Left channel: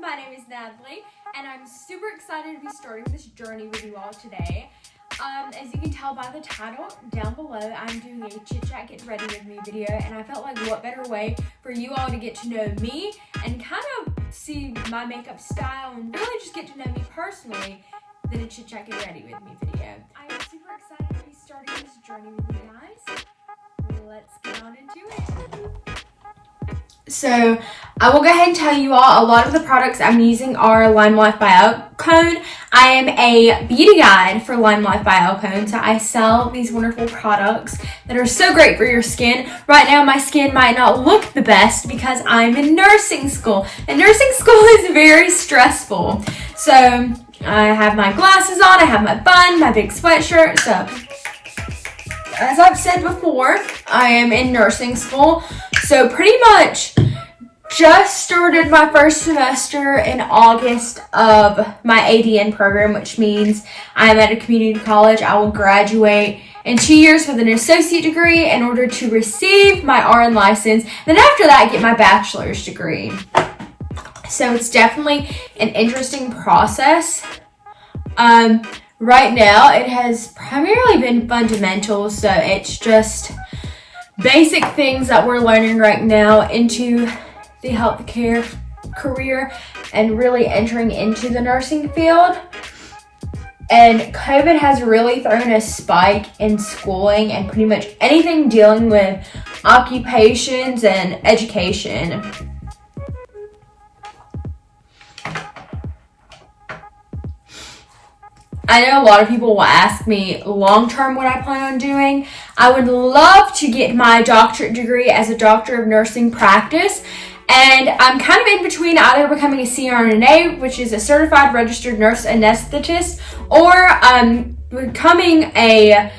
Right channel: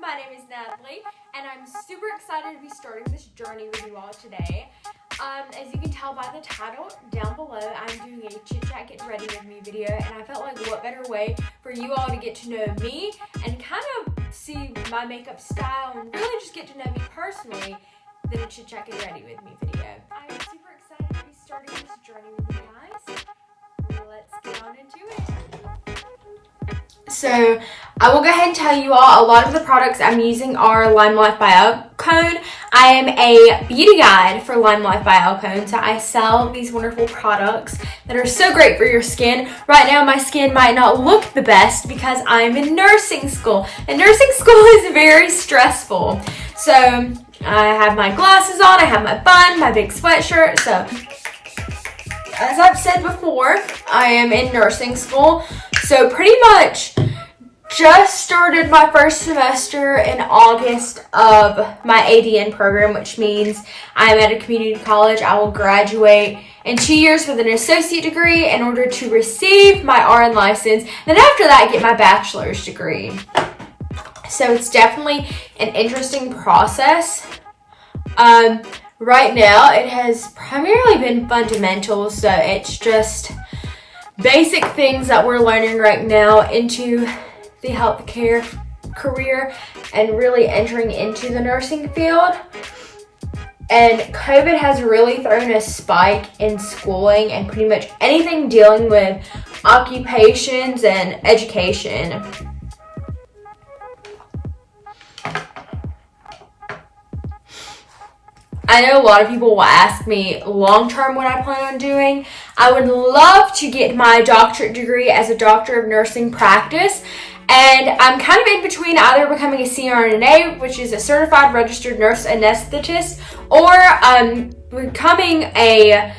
my name is Natalie, and I'm super excited to be starting this journey with you all today. As you can tell by the title down below, I'm doing a chit chat get ready with me video, and I felt like what better way for you all to get to know me and kind of see my makeup style and really just get to know me personally than a chit chat get ready with me video. I'm super excited to be starting this journey with you guys. Let's get on into it. So I will go ahead and tell you all a lot of the products I'm using are Lime Life by Alcone. I am a beauty guide for Lime Life by Alcone, so I sell these wonderful products that are so great for your skin. Right now my skin might not look the best because I'm in nursing school, and nursing school is very stressful. So I have my glasses on, I have my bun, my big sweatshirt. So as I've said before, I am in nursing school, so pretty much just started my first semester in August of my ADN program, which means I'm at a community college. I will graduate in 2 years with an associate degree in order to receive my RN license. Then after that, get my bachelor's degree. So it's definitely an interesting process. Right now, it has primarily been fundamentals, so it's just basic things that we're learning right now into the healthcare career and really entering into the nursing field. And COVID has really thrown a spike in schooling and pretty much anything dealing with occupations and education. I know a lot of people will ask me long-term what I plan on doing. I would love to get my doctorate degree as a doctor of nursing practice. And I'm kind of in between either becoming a CRNA, which is a certified registered nurse anesthetist, or becoming a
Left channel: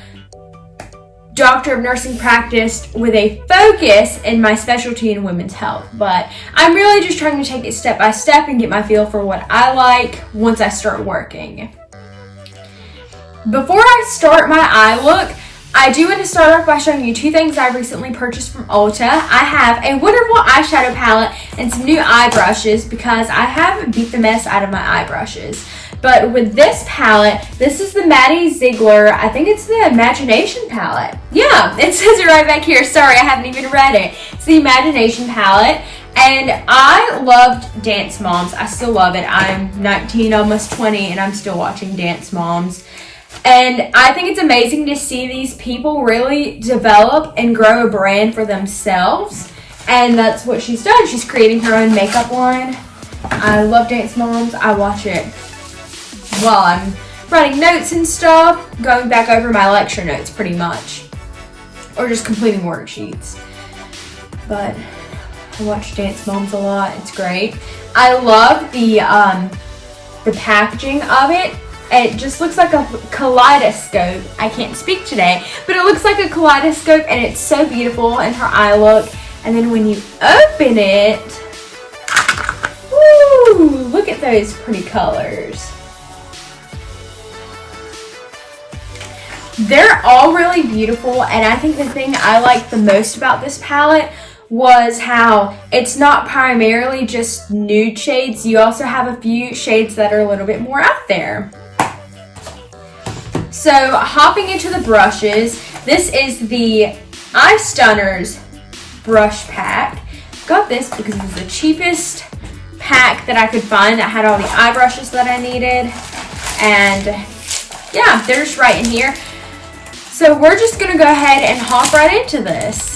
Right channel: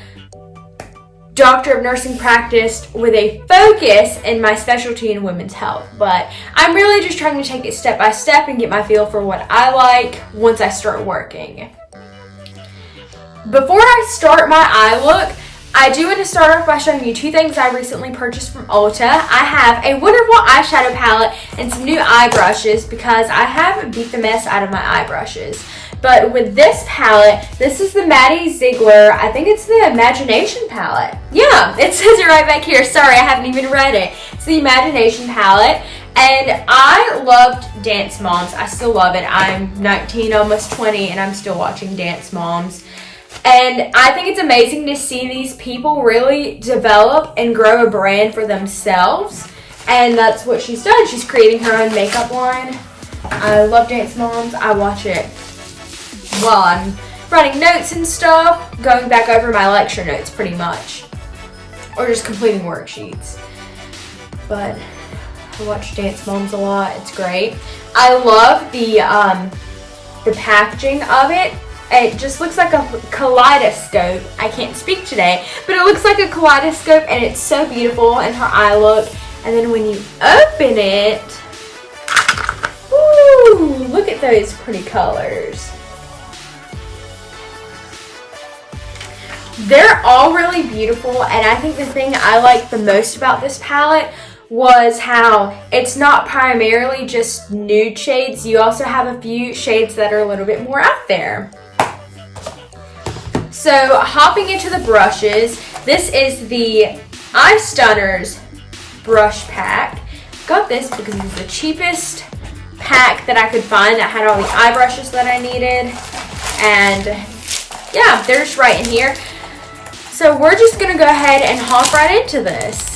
doctor of nursing practice with a focus in my specialty in women's health. But I'm really just trying to take it step by step and get my feel for what I like once I start working. Before I start my eye look, I do want to start off by showing you two things I recently purchased from Ulta. I have a wonderful eyeshadow palette and some new eye brushes because I have beat the mess out of my eye brushes. But with this palette, this is the Maddie Ziegler, I think it's the Imagination palette. Yeah, it says it right back here. Sorry, I haven't even read it. It's the Imagination palette. And I loved Dance Moms. I still love it. I'm 19, almost 20, and I'm still watching Dance Moms. And I think it's amazing to see these people really develop and grow a brand for themselves. And that's what she's done. She's creating her own makeup line. I love Dance Moms. I watch it while I'm writing notes and stuff, going back over my lecture notes pretty much, or just completing worksheets. But I watch Dance Moms a lot. It's great. I love the packaging of it. It just looks like a kaleidoscope. I can't speak today, but it looks like a kaleidoscope, and it's so beautiful in her eye look. And then when you open it, woo, look at those pretty colors. They're all really beautiful, and I think the thing I like the most about this palette was how it's not primarily just nude shades. You also have a few shades that are a little bit more out there. So hopping into the brushes, this is the Eye Stunners brush pack. Got this because it's the cheapest pack that I could find that had all the eye brushes that I needed. And yeah, they're just right in here. So we're just gonna go ahead and hop right into this.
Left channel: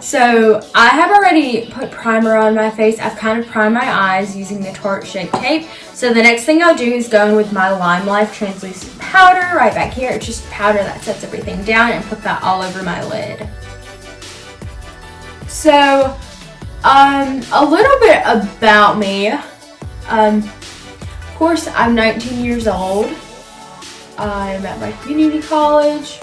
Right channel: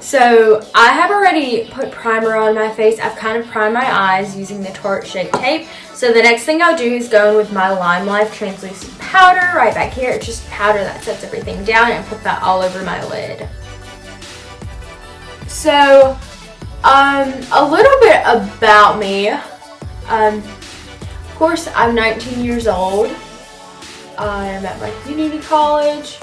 So I have already put primer on my face. I've kind of primed my eyes using the Tarte Shape Tape. So the next thing I'll do is go in with my Lime Life translucent powder right back here. It's just powder that sets everything down, and put that all over my lid. So a little bit about me. Of course, I'm 19 years old. I'm at my community college.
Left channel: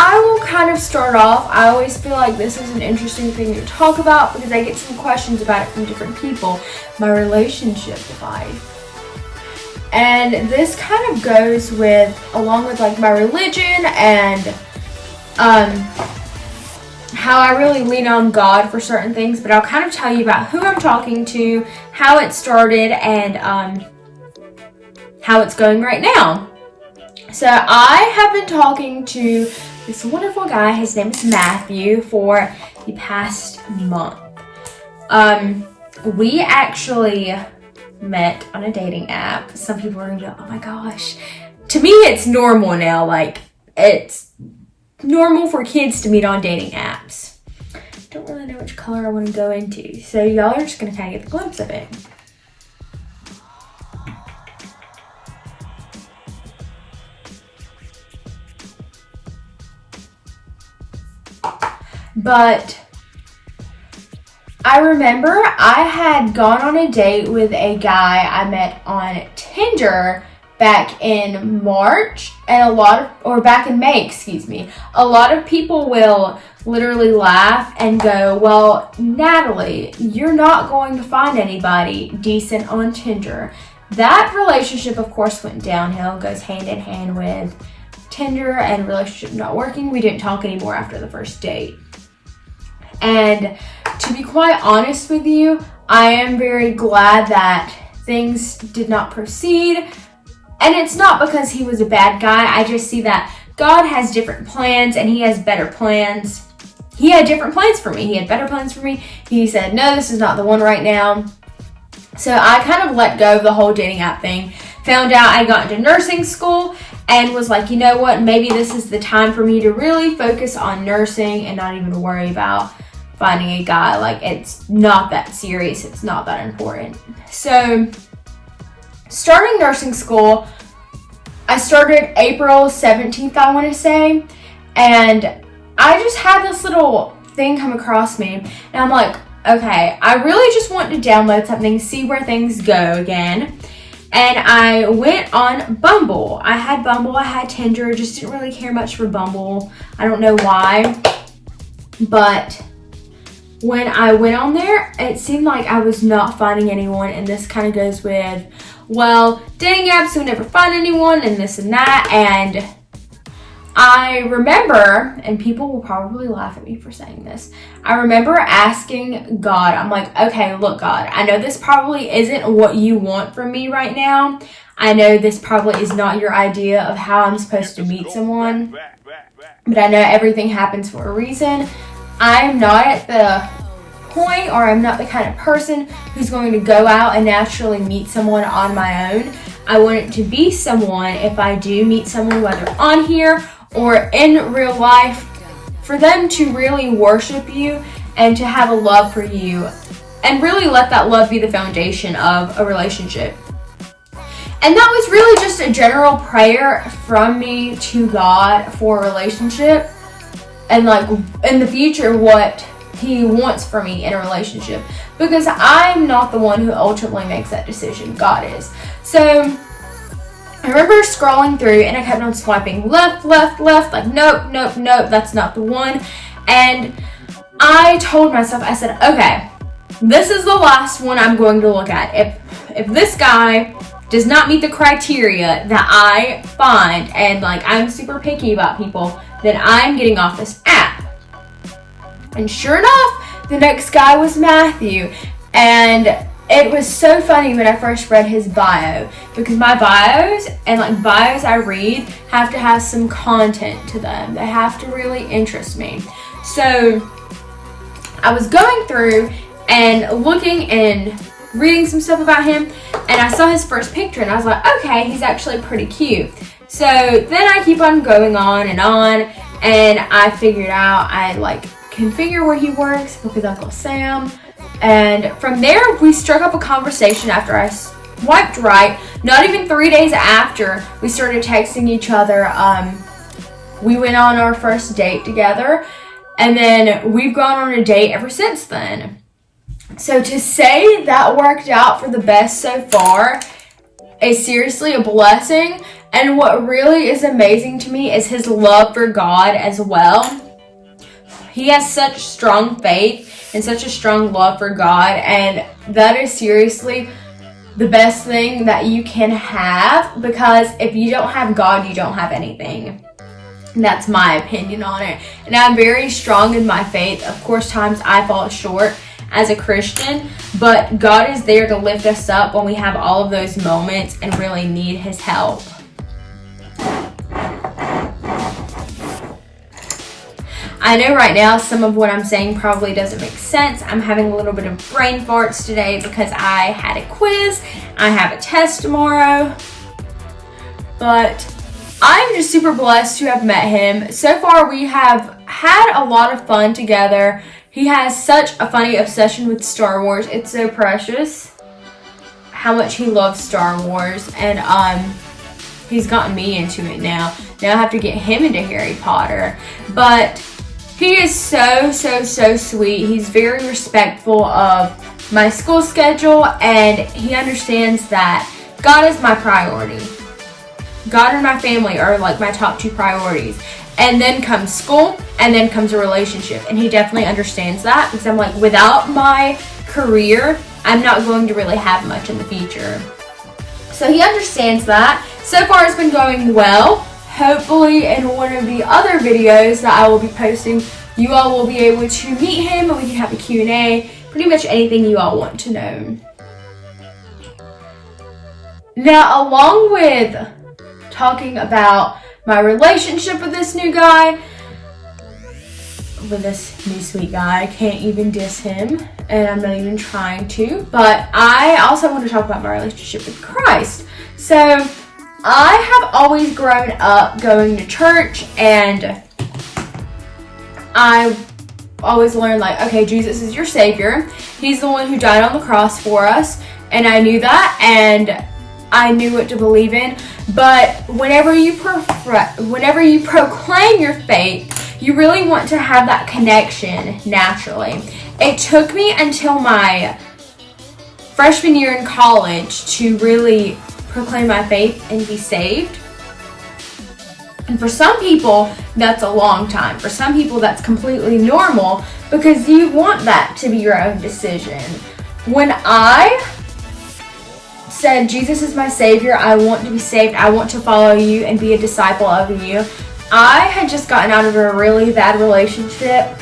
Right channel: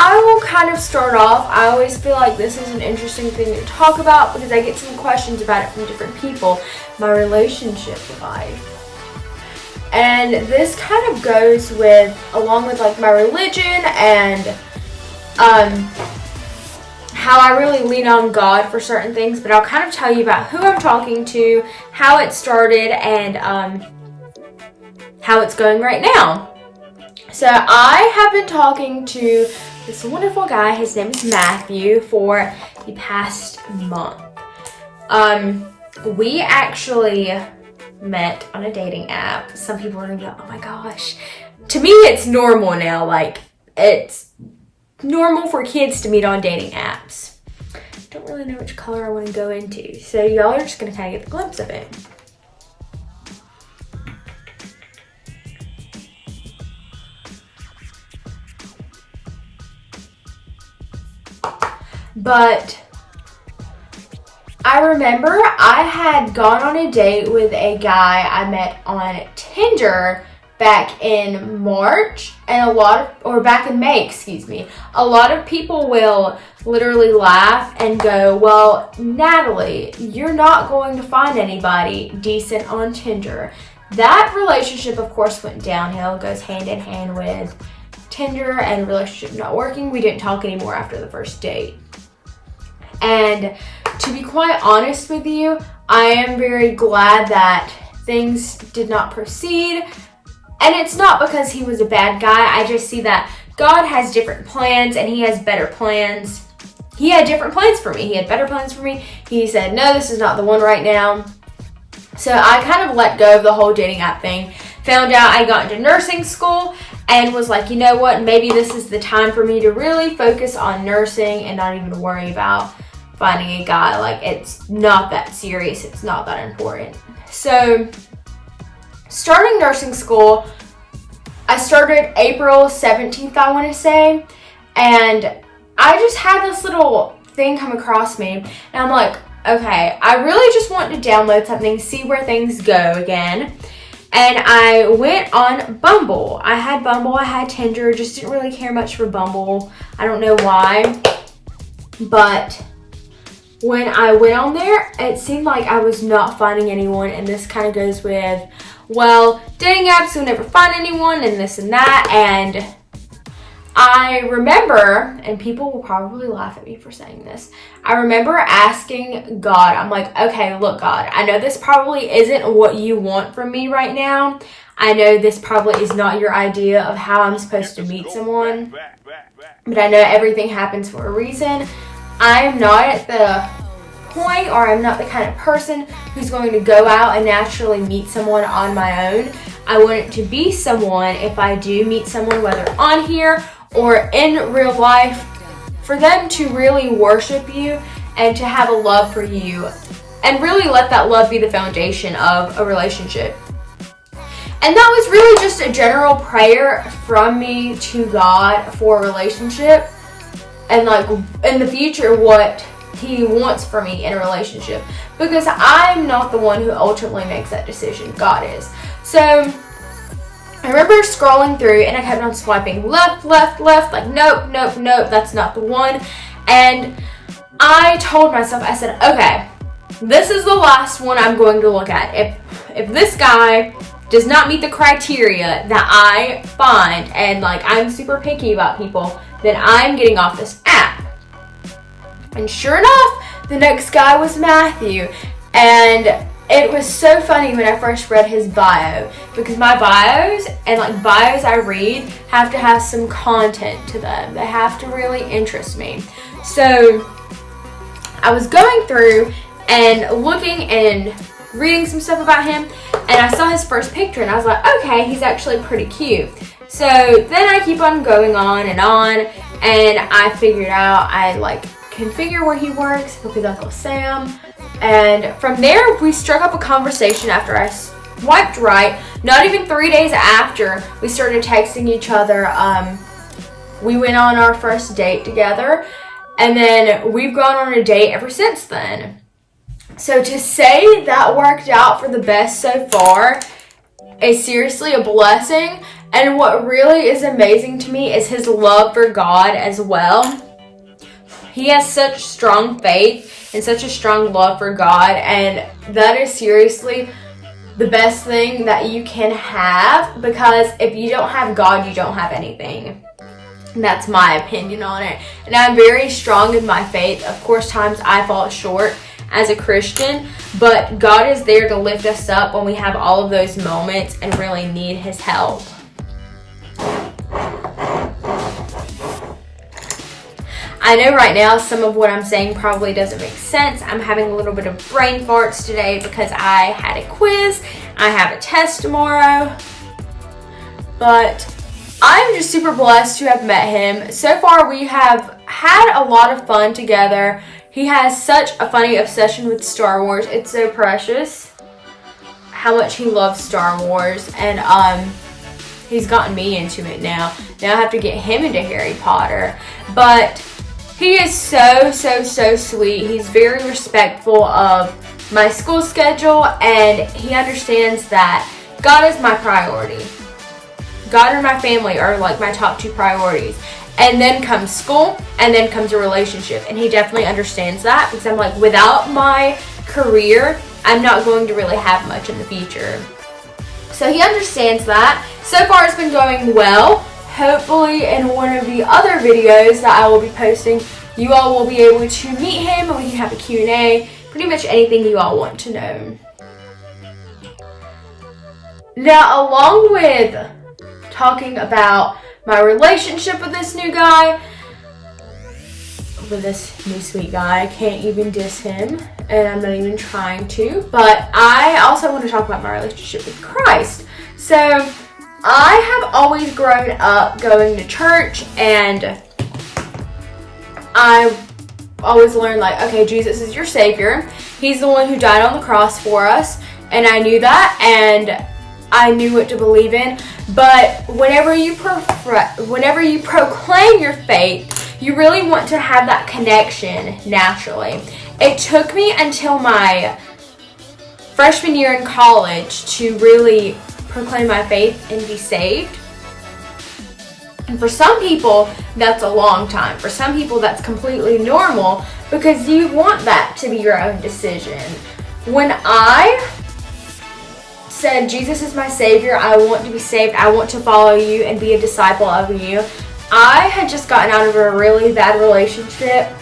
I will kind of start off. I always feel like this is an interesting thing to talk about because I get some questions about it from different people. My relationship life. And this kind of goes along with like my religion and how I really lean on God for certain things. But I'll kind of tell you about who I'm talking to, how it started, and how it's going right now. So I have been talking to this wonderful guy. His name is Matthew for the past month. We actually met on a dating app. Some people are gonna go, oh my gosh. To me, it's normal now. Like, it's normal for kids to meet on dating apps. Don't really know which color I want to go into. So y'all are just gonna kind of get a glimpse of it. But I remember I had gone on a date with a guy I met on Tinder back in March, and back in May, excuse me. A lot of people will literally laugh and go, well, Natalie, you're not going to find anybody decent on Tinder. That relationship, of course, went downhill, goes hand in hand with Tinder and relationship not working. We didn't talk anymore after the first date. And to be quite honest with you, I am very glad that things did not proceed. And it's not because he was a bad guy. I just see that God has different plans and he has better plans. He had different plans for me. He had better plans for me. He said, no, this is not the one right now. So I kind of let go of the whole dating app thing. Found out I got into nursing school and was like, you know what? Maybe this is the time for me to really focus on nursing and not even worry about finding a guy. Like, it's not that serious. It's not that important. So starting nursing school, I started April 17th, I want to say. And I just had this little thing come across me. And I'm like, okay, I really just want to download something, see where things go again. And I went on Bumble. I had Bumble, I had Tinder, just didn't really care much for Bumble. I don't know why. But when I went on there, it seemed like I was not finding anyone, and this kind of goes with, well, dating apps, you'll never find anyone, and this and that. And I remember, and people will probably laugh at me for saying this, I remember asking God, I'm like, okay, look, God, I know this probably isn't what you want from me right now. I know this probably is not your idea of how I'm supposed to meet someone, but I know everything happens for a reason. I'm not at the point, or I'm not the kind of person who's going to go out and naturally meet someone on my own. I want it to be someone, if I do meet someone, whether on here or in real life, for them to really worship you and to have a love for you and really let that love be the foundation of a relationship. And that was really just a general prayer from me to God for a relationship. And like in the future, what he wants for me in a relationship, because I'm not the one who ultimately makes that decision. God is. So I remember scrolling through and I kept on swiping left, like nope, that's not the one. And I told myself, I said, okay, this is the last one I'm going to look at. If this guy does not meet the criteria that I find, and like I'm super picky about people, then I'm getting off this app. And sure enough, the next guy was Matthew. And it was so funny when I first read his bio, because my bios and like bios I read have to have some content to them. They have to really interest me. So I was going through and looking and reading some stuff about him, and I saw his first picture and I was like, okay, he's actually pretty cute. So then I keep on going on, and I figured out I like can figure where he works with Uncle Sam. And from there, we struck up a conversation after I swiped right. Not even 3 days after, we started texting each other. We went on our first date together, and then we've gone on a date ever since then. So to say that worked out for the best so far is seriously a blessing. And what really is amazing to me is his love for God as well. He has such strong faith and such a strong love for God, and that is seriously the best thing that you can have, because if you don't have God, you don't have anything. And that's my opinion on it. And I'm very strong in my faith. Of course, times I fall short as a Christian, but God is there to lift us up when we have all of those moments and really need his help. I know right now some of what I'm saying probably doesn't make sense. I'm having a little bit of brain farts today because I had a quiz. I have a test tomorrow. But I'm just super blessed to have met him. So far, we have had a lot of fun together. He has such a funny obsession with Star Wars. It's so precious how much he loves Star Wars. And he's gotten me into it now. Now I have to get him into Harry Potter. But he is so sweet. He's very respectful of my school schedule, and he understands that God is my priority. God and my family are like my top two priorities. And then comes school, and then comes a relationship. And he definitely understands that, because I'm like, without my career, I'm not going to really have much in the future. So he understands that. So far it's been going well. Hopefully in one of the other videos that I will be posting, you all will be able to meet him and we can have a Q&A. Pretty much anything you all want to know. Now, along with talking about my relationship with this new guy, with this new sweet guy, I can't even diss him, and I'm not even trying to, but I also want to talk about my relationship with Christ. So, I have always grown up going to church, and I always learned, like, okay, Jesus is your Savior. He's the one who died on the cross for us, and I knew that, and I knew what to believe in. But whenever you proclaim your faith, you really want to have that connection naturally. It took me until my freshman year in college to really proclaim my faith and be saved. And for some people, that's a long time. For some people, that's completely normal because you want that to be your own decision. When I said, Jesus is my Savior, I want to be saved, I want to follow you and be a disciple of you, I had just gotten out of a really bad relationship.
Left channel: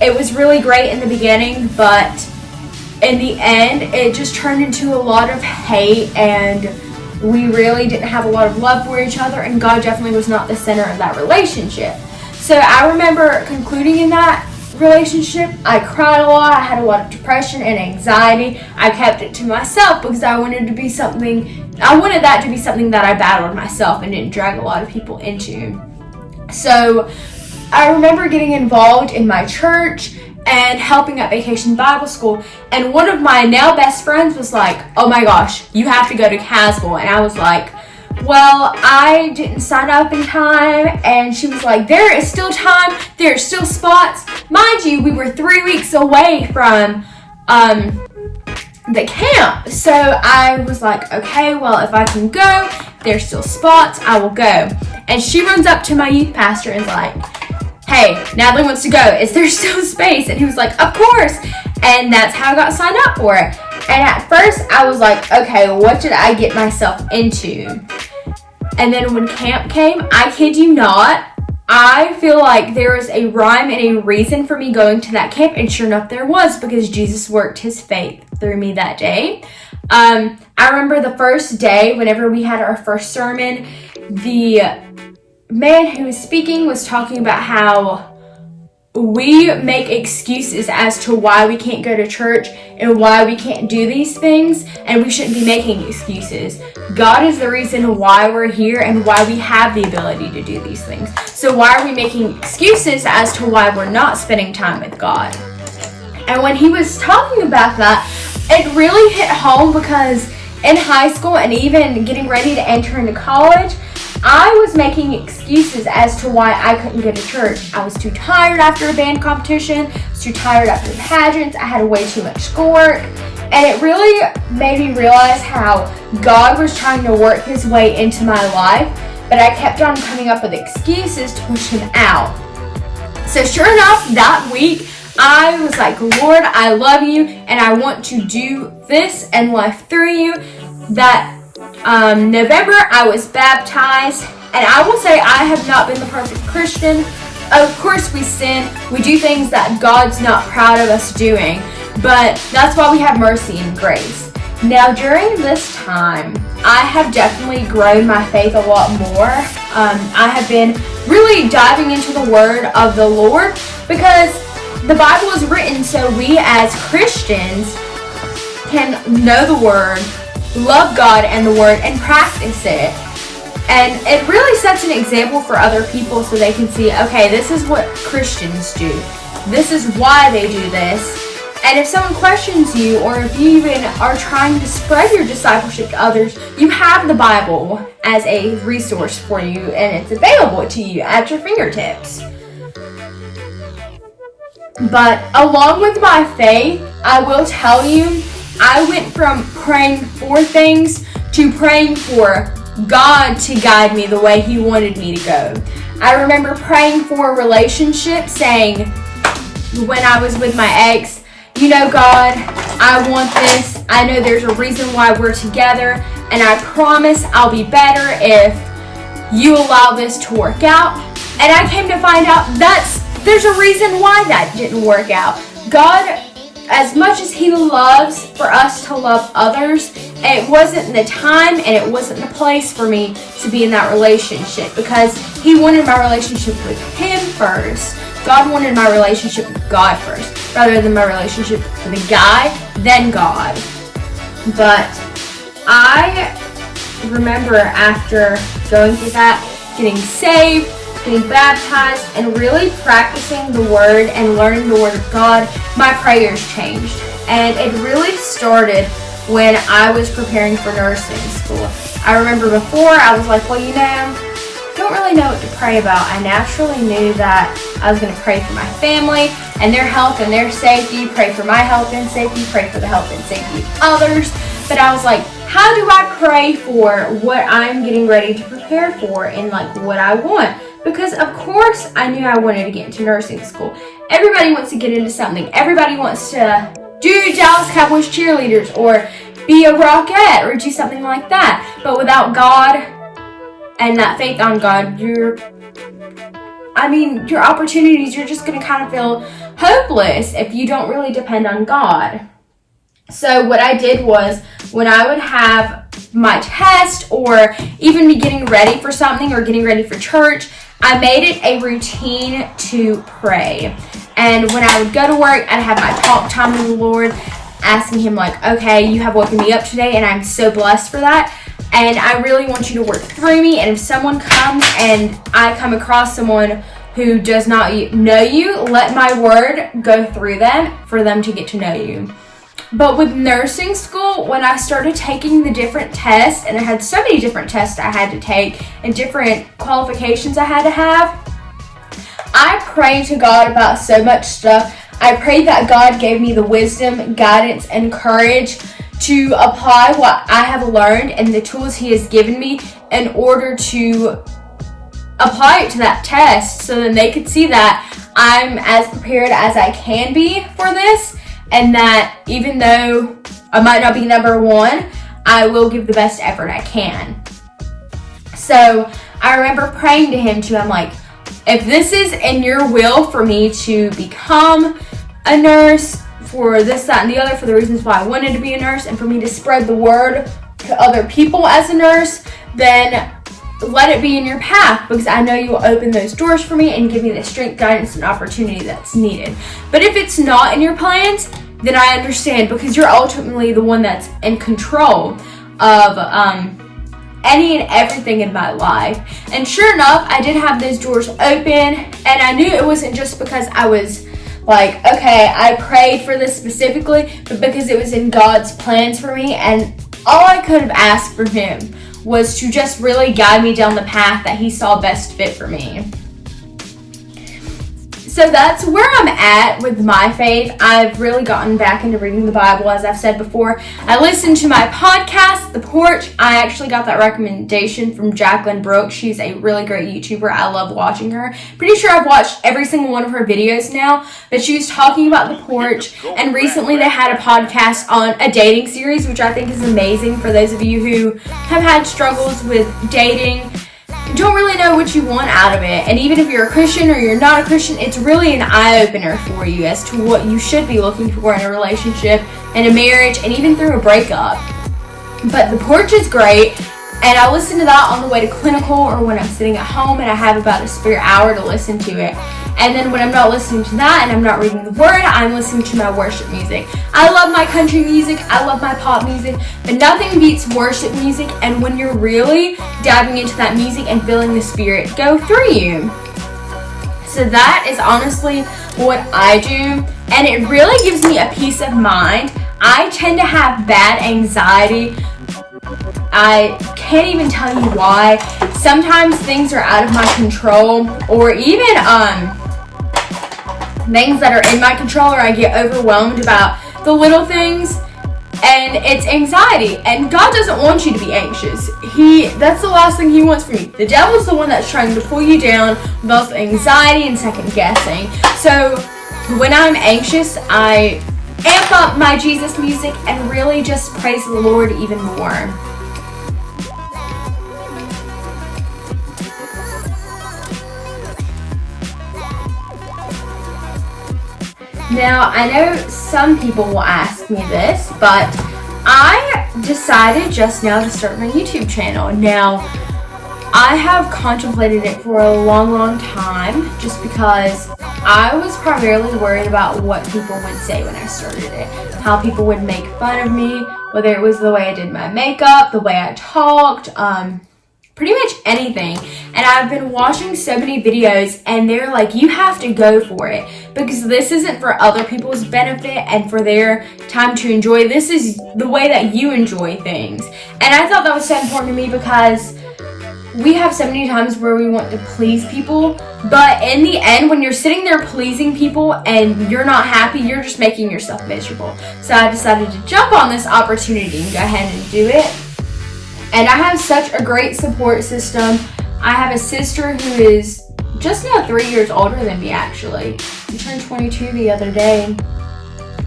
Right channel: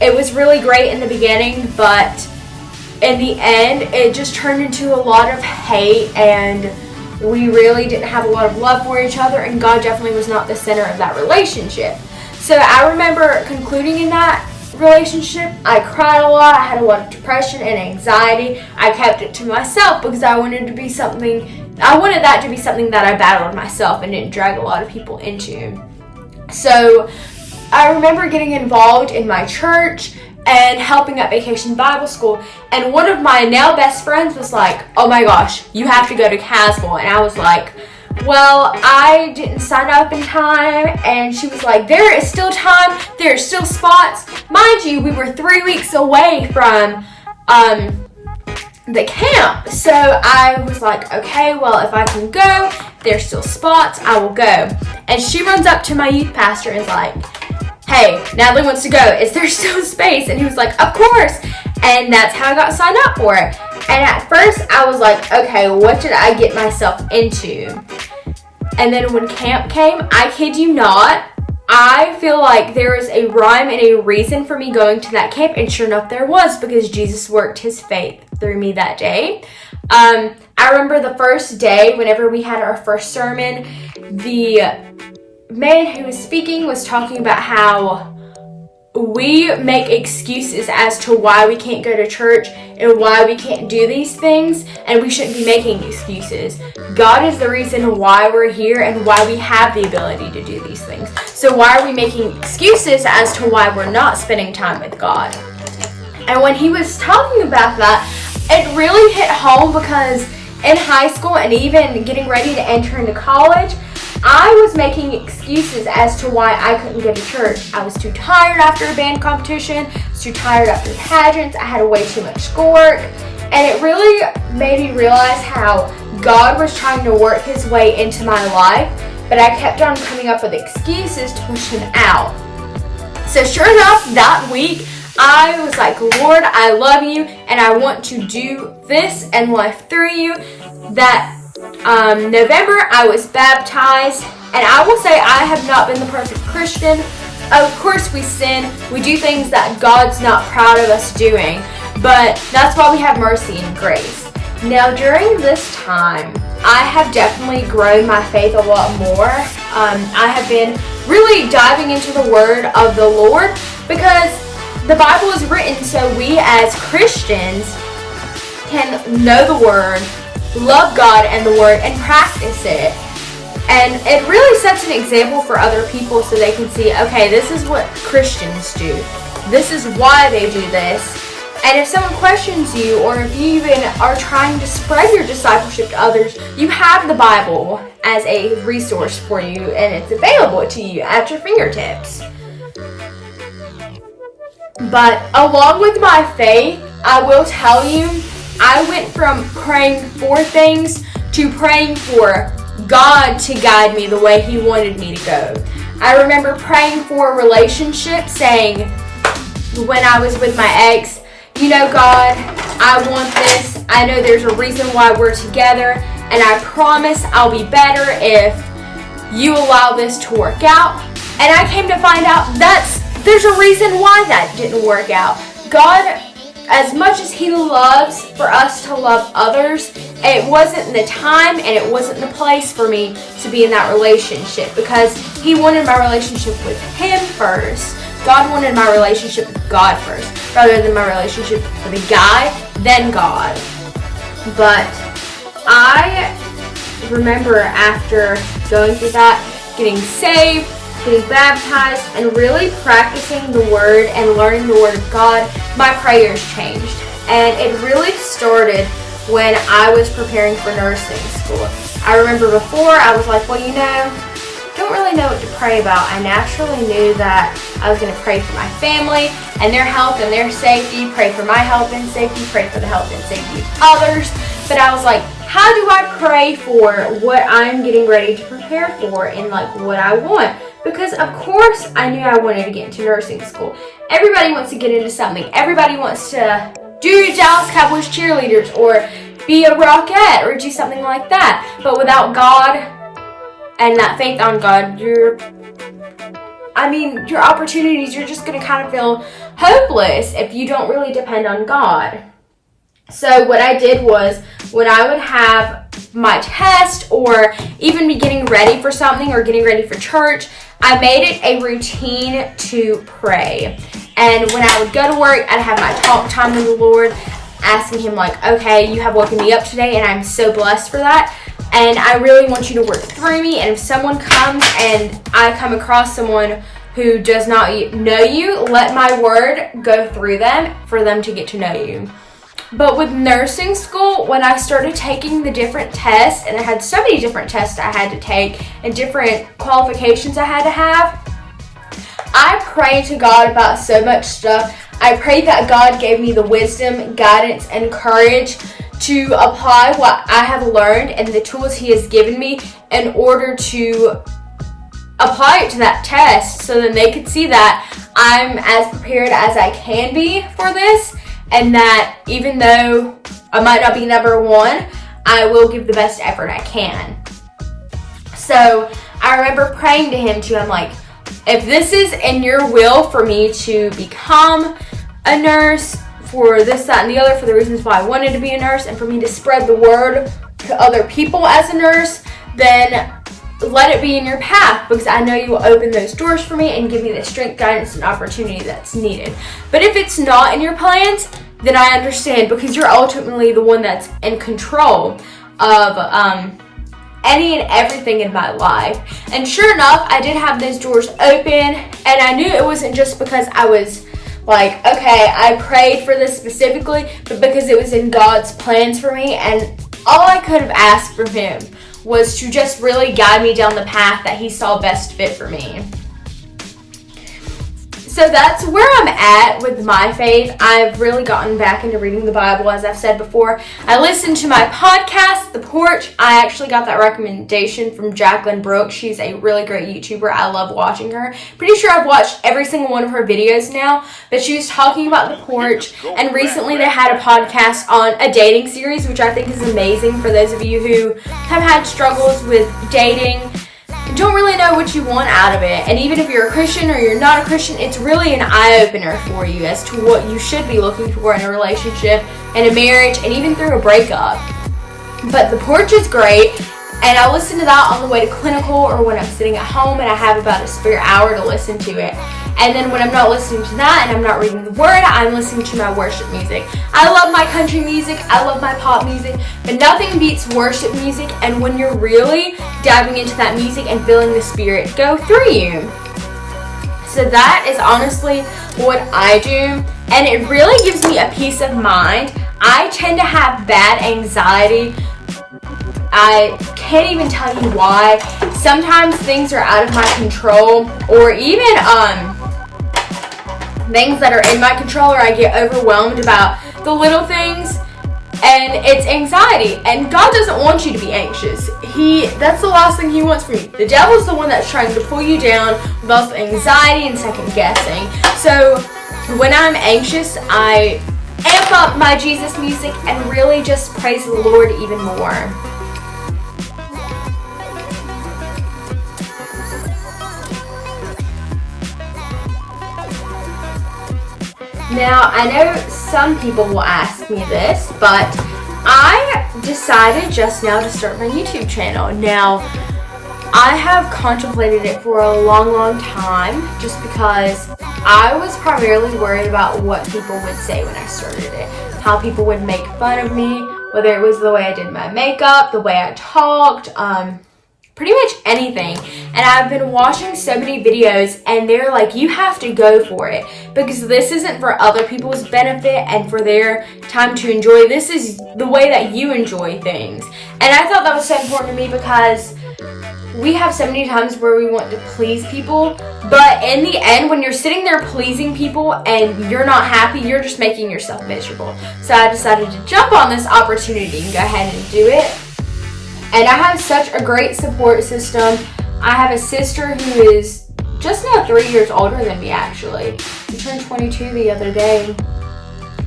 It was really great in the beginning, but in the end, it just turned into a lot of hate, and we really didn't have a lot of love for each other, and God definitely was not the center of that relationship. So I remember concluding in that relationship, I cried a lot, I had a lot of depression and anxiety. I kept it to myself because I wanted that to be something that I battled myself and didn't drag a lot of people into. So I remember getting involved in my church and helping at Vacation Bible School, and one of my now best friends was like, oh my gosh, you have to go to Caswell. And I was like, well, I didn't sign up in time. And she was like, there is still time, there are still spots. Mind you, we were 3 weeks away from the camp. So I was like, okay, well, if I can go, there's still spots, I will go. And she runs up to my youth pastor and is like, hey, Natalie wants to go. Is there still space? And he was like, of course. And that's how I got signed up for it. And at first I was like, okay, what did I get myself into? And then when camp came, I kid you not, I feel like there was a rhyme and a reason for me going to that camp. And sure enough, there was, because Jesus worked his faith through me that day. I remember the first day, whenever we had our first sermon, the man who was speaking was talking about how we make excuses as to why we can't go to church and why we can't do these things, and we shouldn't be making excuses. God is the reason why we're here and why we have the ability to do these things. So why are we making excuses as to why we're not spending time with God? And when he was talking about that, it really hit home, because in high school and even getting ready to enter into college, I was making excuses as to why I couldn't go to church. I was too tired after a band competition, I was too tired after pageants, I had way too much schoolwork, and it really made me realize how God was trying to work his way into my life, but I kept on coming up with excuses to push him out. So sure enough, that week, I was like, Lord, I love you and I want to do this in life through you. That November, I was baptized, and I will say I have not been the perfect Christian. Of course we sin, we do things that God's not proud of us doing, but that's why we have mercy and grace. Now during this time, I have definitely grown my faith a lot more. I have been really diving into the word of the Lord, because the Bible is written so we as Christians can know the word, love God and the word, and practice it. And it really sets an example for other people so they can see, okay, this is what Christians do. This is why they do this. And if someone questions you, or if you even are trying to spread your discipleship to others, you have the Bible as a resource for you, and it's available to you at your fingertips. But along with my faith, I will tell you, I went from praying for things to praying for God to guide me the way He wanted me to go. I remember praying for a relationship, saying, when I was with my ex, you know, God, I want this. I know there's a reason why we're together, and I promise I'll be better if you allow this to work out. And I came to find out there's a reason why that didn't work out. God, as much as He loves for us to love others, it wasn't the time and it wasn't the place for me to be in that relationship, because He wanted my relationship with Him first. God wanted my relationship with God first, rather than my relationship with a guy, then God. But I remember after going through that, getting saved, getting baptized, and really practicing the word and learning the word of God, my prayers changed. And it really started when I was preparing for nursing school. I remember before, I was like, well, you know, don't really know what to pray about. I naturally knew that I was going to pray for my family and their health and their safety, pray for my health and safety, pray for the health and safety of others. But I was like, how do I pray for what I'm getting ready to prepare for and like what I want? Because of course I knew I wanted to get into nursing school. Everybody wants to get into something. Everybody wants to do Dallas Cowboys cheerleaders or be a rockette or do something like that. But without God and that faith on God, your opportunities, you're just going to kind of feel hopeless if you don't really depend on God. So what I did was, when I would have my test or even be getting ready for something or getting ready for church, I made it a routine to pray. And when I would go to work, I'd have my talk time with the Lord, asking Him like, okay, you have woken me up today and I'm so blessed for that. And I really want you to work through me. And if someone comes and I come across someone who does not know you, let my word go through them for them to get to know you. But with nursing school, when I started taking the different tests, and I had so many different tests I had to take and different qualifications I had to have, I prayed to God about so much stuff. I prayed that God gave me the wisdom, guidance, and courage to apply what I have learned and the tools He has given me in order to apply it to that test, so then they could see that I'm as prepared as I can be for this, and that even though I might not be number one, I will give the best effort I can. So I remember praying to Him too. I'm like, if this is in your will for me to become a nurse, for this, that, and the other, for the reasons why I wanted to be a nurse, and for me to spread the word to other people as a nurse, then let it be in your path, because I know you will open those doors for me and give me the strength, guidance, and opportunity that's needed. But if it's not in your plans, then I understand, because you're ultimately the one that's in control of any and everything in my life. And sure enough, I did have those doors open, and I knew it wasn't just because I was like, okay, I prayed for this specifically, but because it was in God's plans for me, and all I could have asked from Him was to just really guide me down the path that He saw best fit for me. So that's where I'm at with my faith. I've really gotten back into reading the Bible, as I've said before. I listened to my podcast, The Porch. I actually got that recommendation from Jacqueline Brooks. She's a really great YouTuber. I love watching her. Pretty sure I've watched every single one of her videos now, but she was talking about The Porch, and recently they had a podcast on a dating series, which I think is amazing for those of you who have had struggles with dating, don't really know what you want out of it. And even if you're a Christian or you're not a Christian, it's really an eye-opener for you as to what you should be looking for in a relationship, in a marriage, and even through a breakup. But The Porch is great, and I listen to that on the way to clinical or when I'm sitting at home and I have about a spare hour to listen to it. And then when I'm not listening to that and I'm not reading the Word, I'm listening to my worship music. I love my country music, I love my pop music, but nothing beats worship music, and when you're really diving into that music and feeling the Spirit go through you. So that is honestly what I do, and it really gives me a peace of mind. I tend to have bad anxiety. I can't even tell you why. Sometimes things are out of my control, or even things that are in my control, or I get overwhelmed about the little things, and it's anxiety. And God doesn't want you to be anxious. That's the last thing He wants from you. The devil's the one that's trying to pull you down with all the anxiety and second guessing. So when I'm anxious, I amp up my Jesus music and really just praise the Lord even more. Now, I know some people will ask me this, but I decided just now to start my YouTube channel. Now, I have contemplated it for a long time, just because I was primarily worried about what people would say when I started it. How people would make fun of me, whether it was the way I did my makeup, the way I talked, pretty much anything. And I've been watching so many videos, and they're like, you have to go for it, because this isn't for other people's benefit and for their time to enjoy. This is the way that you enjoy things. And I thought that was so important to me, because we have so many times where we want to please people, but in the end, when you're sitting there pleasing people and you're not happy, you're just making yourself miserable. So I decided to jump on this opportunity and go ahead and do it. And I have such a great support system. I have a sister who is just now 3 years older than me, actually. She turned 22 the other day.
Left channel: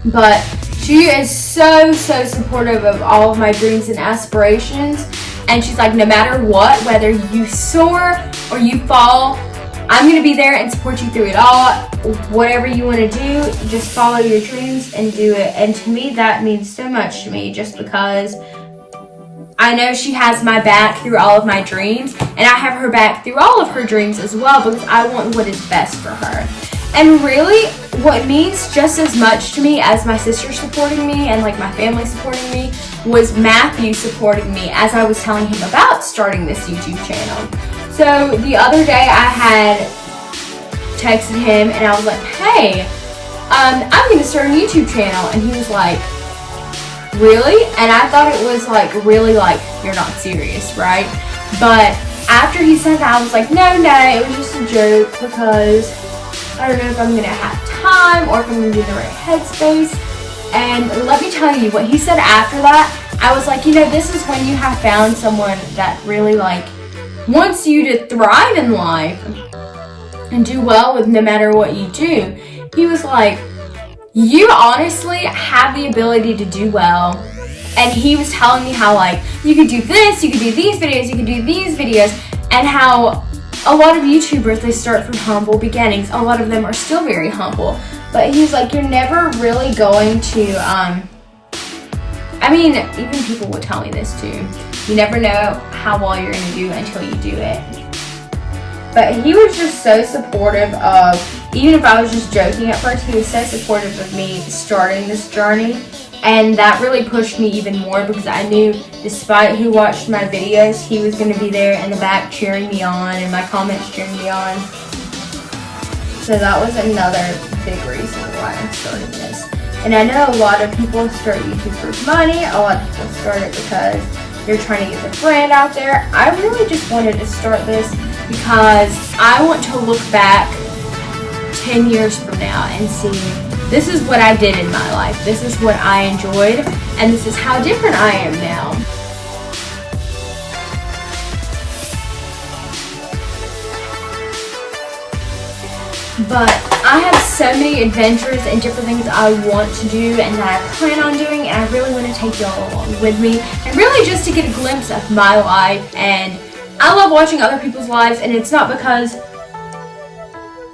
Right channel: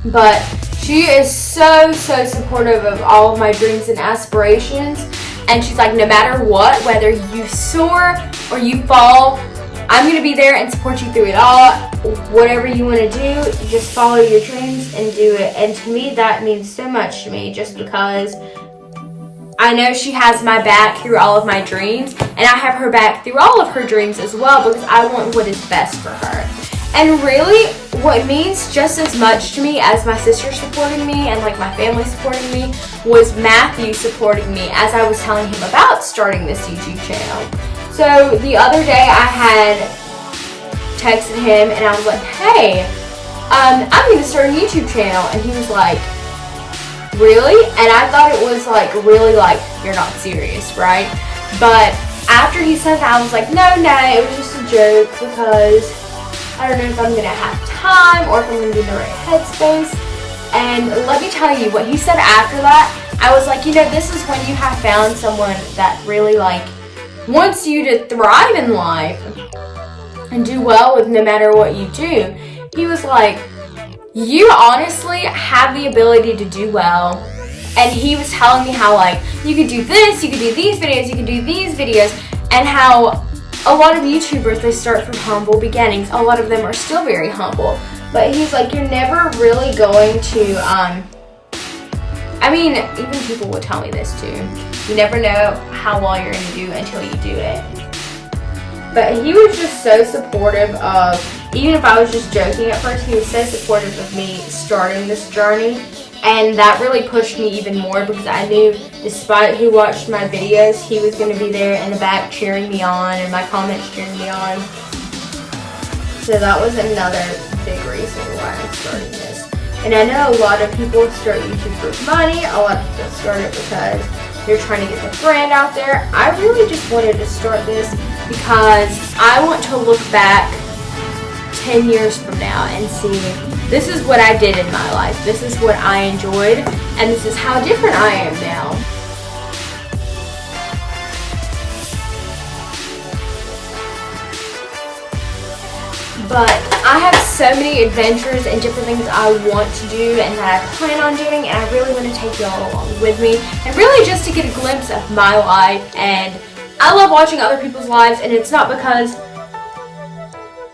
But she is so supportive of all of my dreams and aspirations. And she's like, no matter what, whether you soar or you fall, I'm going to be there and support you through it all. Whatever you want to do, just follow your dreams and do it. And to me, that means so much to me, just because I know she has my back through all of my dreams, and I have her back through all of her dreams as well, because I want what is best for her. And really, what means just as much to me as my sister supporting me and like my family supporting me was Matthew supporting me as I was telling him about starting this YouTube channel. So the other day I had texted him and I was like, hey, I'm going to start a YouTube channel. And he was like, really? And I thought it was like, really, like, you're not serious, right? But after he said that, I was like, no, it was just a joke, because I don't know if I'm going to have time or if I'm going to be in the right headspace. And let me tell you, what he said after that, I was like, this is when you have found someone that really, like, wants you to thrive in life and do well with no matter what you do. He was like, you honestly have the ability to do well. And he was telling me how, like, you could do this, you could do these videos, you could do these videos, and how a lot of YouTubers, they start from humble beginnings. A lot of them are still very humble. But he was like, you're never really going to, even people would tell me this too. You never know how well you're going to do until you do it. But he was just so supportive of, even if I was just joking at first, he was so supportive of me starting this journey. And that really pushed me even more, because I knew despite who watched my videos, he was going to be there in the back cheering me on and my comments cheering me on. So that was another big reason why I started this. And I know a lot of people start YouTube for money. A lot of people start it because they're trying to get the brand out there. I really just wanted to start this because I want to look back 10 years from now and see, this is what I did in my life, this is what I enjoyed, and this is how different I am now. But I have so many adventures and different things I want to do and that I plan on doing, and I really want to take y'all along with me, and really just to get a glimpse of my life. And I love watching other people's lives, and it's not because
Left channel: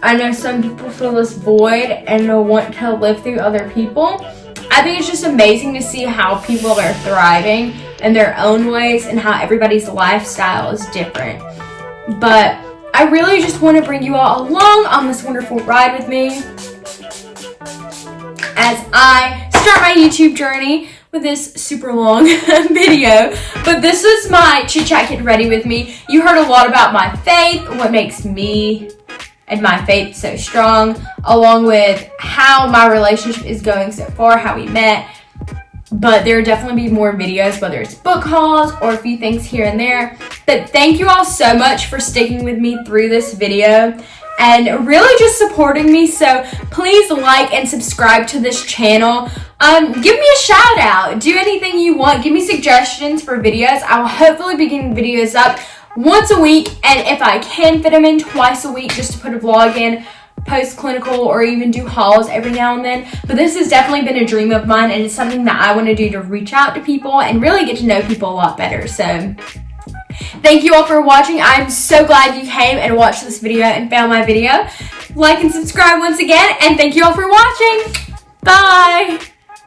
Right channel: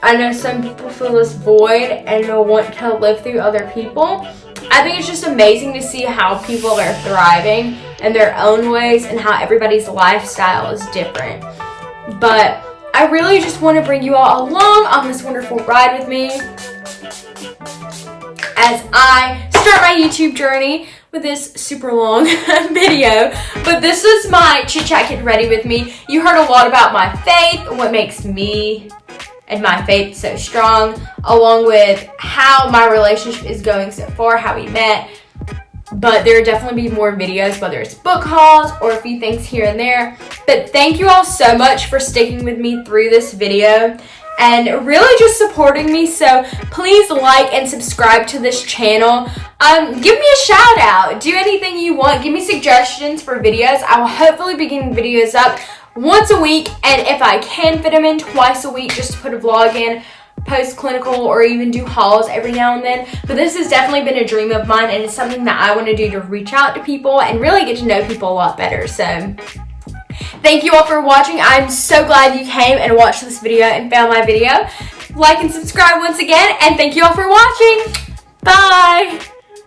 I know some people feel this void and they'll want to live through other people. I think it's just amazing to see how people are thriving in their own ways and how everybody's lifestyle is different. But I really just want to bring you all along on this wonderful ride with me as I start my YouTube journey with this super long video. But this is my chit chat get ready with me. You heard a lot about my faith, what makes me and my faith so strong, along with how my relationship is going so far, how we met. But there will definitely be more videos, whether it's book hauls or a few things here and there. But thank you all so much for sticking with me through this video and really just supporting me. So please like and subscribe to this channel. Give me a shout out. Do anything you want. Give me suggestions for videos. I will hopefully be getting videos up once a week, and if I can fit them in twice a week, just to put a vlog in, post clinical, or even do hauls every now and then. But this has definitely been a dream of mine, and it's something that I want to do to reach out to people and really get to know people a lot better. So thank you all for watching. I'm so glad you came and watched this video and found my video. Like and subscribe once again, and thank you all for watching. Bye.